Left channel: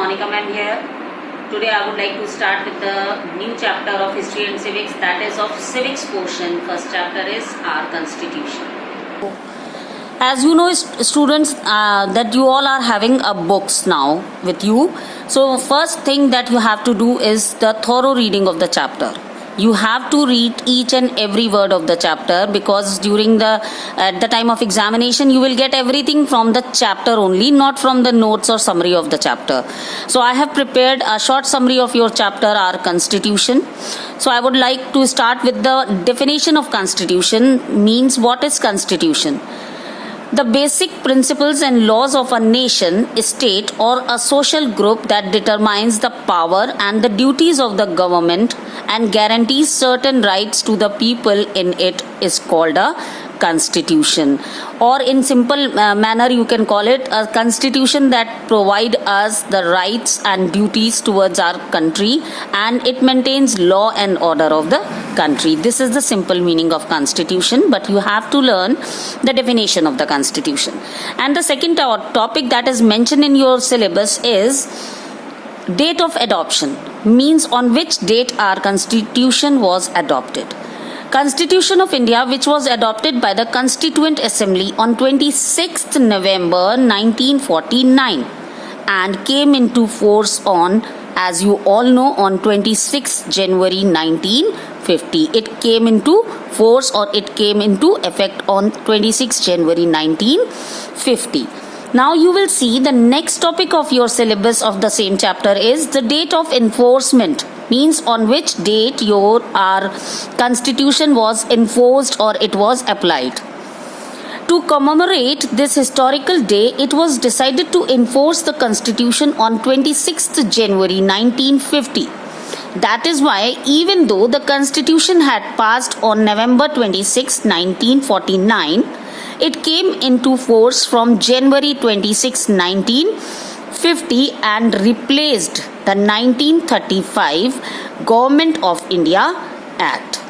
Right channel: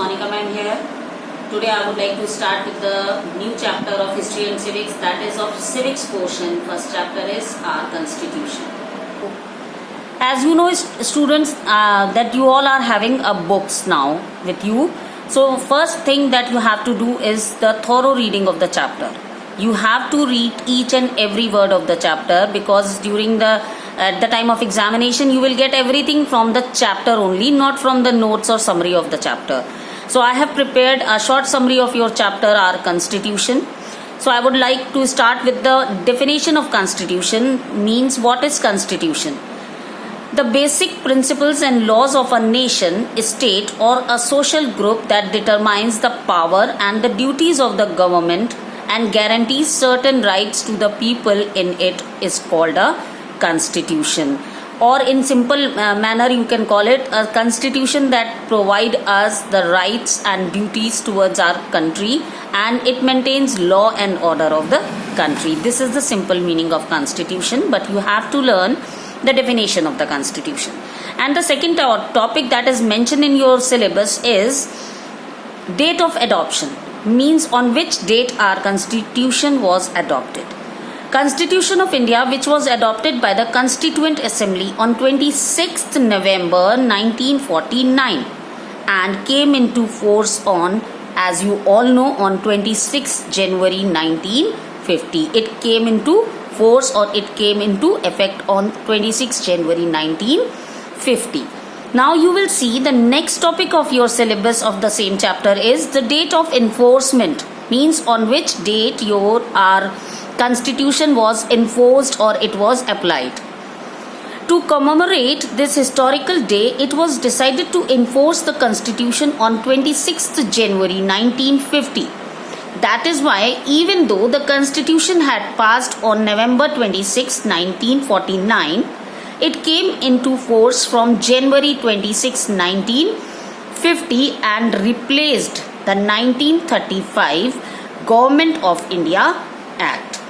Monica ma'am here. Today I would like to start with the new chapter of History and Civics, that is of Civics portion. First chapter is our Constitution. As you know, students, that you all are having a books now with you. So first thing that you have to do is the thorough reading of the chapter. You have to read each and every word of the chapter, because during at the time of examination you will get everything from the chapter only, not from the notes or summary of the chapter. So I have prepared a short summary of your chapter, our Constitution. So I would like to start with the definition of Constitution. Means, what is Constitution? The basic principles and laws of a nation, state or a social group that determines the power and the duties of the government and guarantees certain rights to the people in it is called a constitution. Or in simple manner you can call it a constitution that provide us the rights and duties towards our country, and it maintains law and order of the country. This is the simple meaning of constitution, but you have to learn the definition of the constitution. And the second topic that is mentioned in your syllabus is date of adoption. Means, on which date our constitution was adopted. Constitution of India, which was adopted by the Constituent Assembly on 26th November 1949 and came into force on, as you all know, on 26th January 1950. It came into force, or it came into effect on 26th January 1950. Now you will see the next topic of your syllabus of the same chapter is the date of enforcement. Means, on which date our constitution was enforced or it was applied. To commemorate this historical day, it was decided to enforce the constitution on 26th January 1950. That is why, even though the constitution had passed on November 26, 1949, it came into force from January 26, 1950 and replaced the 1935 Government of India Act.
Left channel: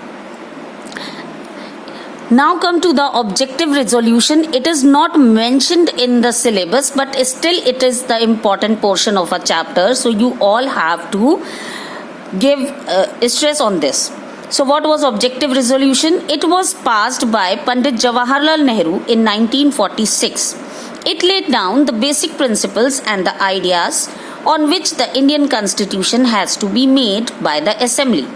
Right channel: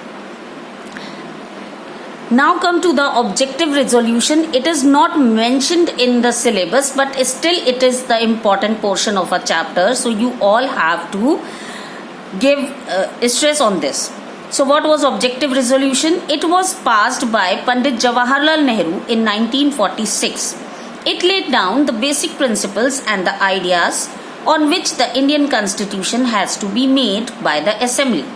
Now come to the objective resolution. It is not mentioned in the syllabus, but still it is the important portion of a chapter. So you all have to give stress on this. So what was objective resolution? It was passed by Pandit Jawaharlal Nehru in 1946. It laid down the basic principles and the ideas on which the Indian Constitution has to be made by the Assembly.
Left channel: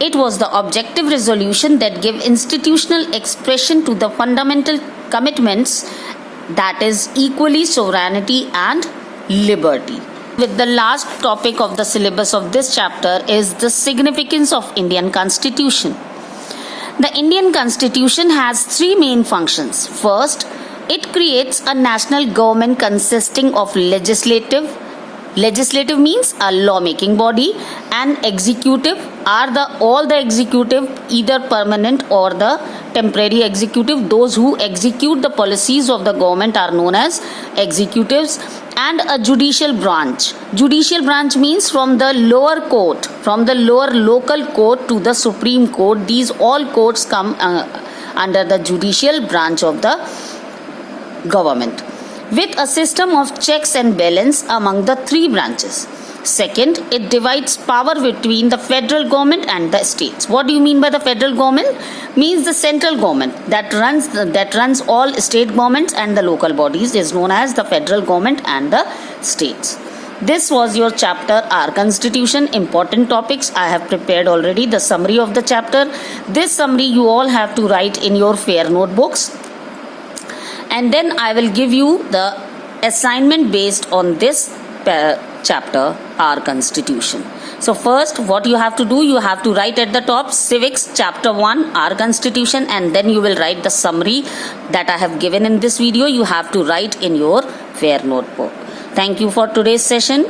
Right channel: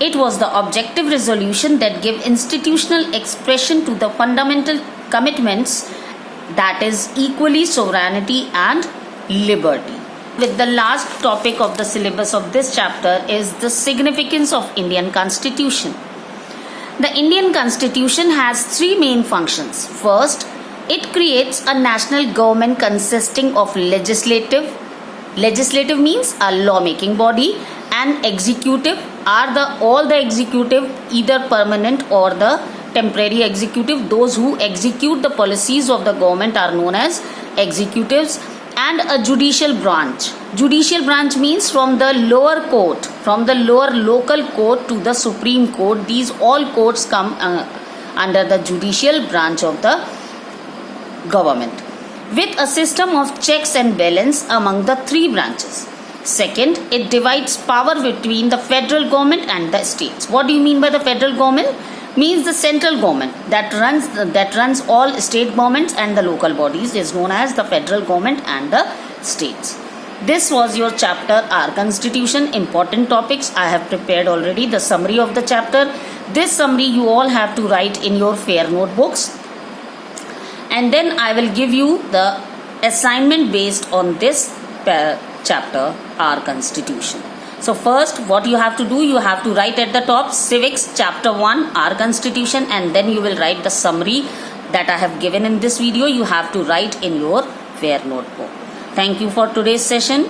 It was the objective resolution that gave institutional expression to the fundamental commitments, that is equally sovereignty and liberty. With the last topic of the syllabus of this chapter is the significance of Indian Constitution. The Indian Constitution has three main functions. First, it creates a national government consisting of legislative means a lawmaking body, and executive are all the executive, either permanent or the temporary executive. Those who execute the policies of the government are known as executives. And a judicial branch. Judicial branch means from the lower court, from the lower local court to the Supreme Court. These all courts come under the judicial branch of the government, with a system of checks and balance among the three branches. Second, it divides power between the federal government and the states. What do you mean by the federal government? Means the central government that runs all state governments and the local bodies is known as the federal government and the states. This was your chapter, our Constitution. Important topics I have prepared already. The summary of the chapter. This summary you all have to write in your fair notebooks, and then I will give you the assignment based on this chapter, our Constitution. So first, what you have to do, you have to write at the top Civics Chapter 1, our Constitution, and then you will write the summary that I have given in this video. You have to write in your fair notebook. Thank you for today's session.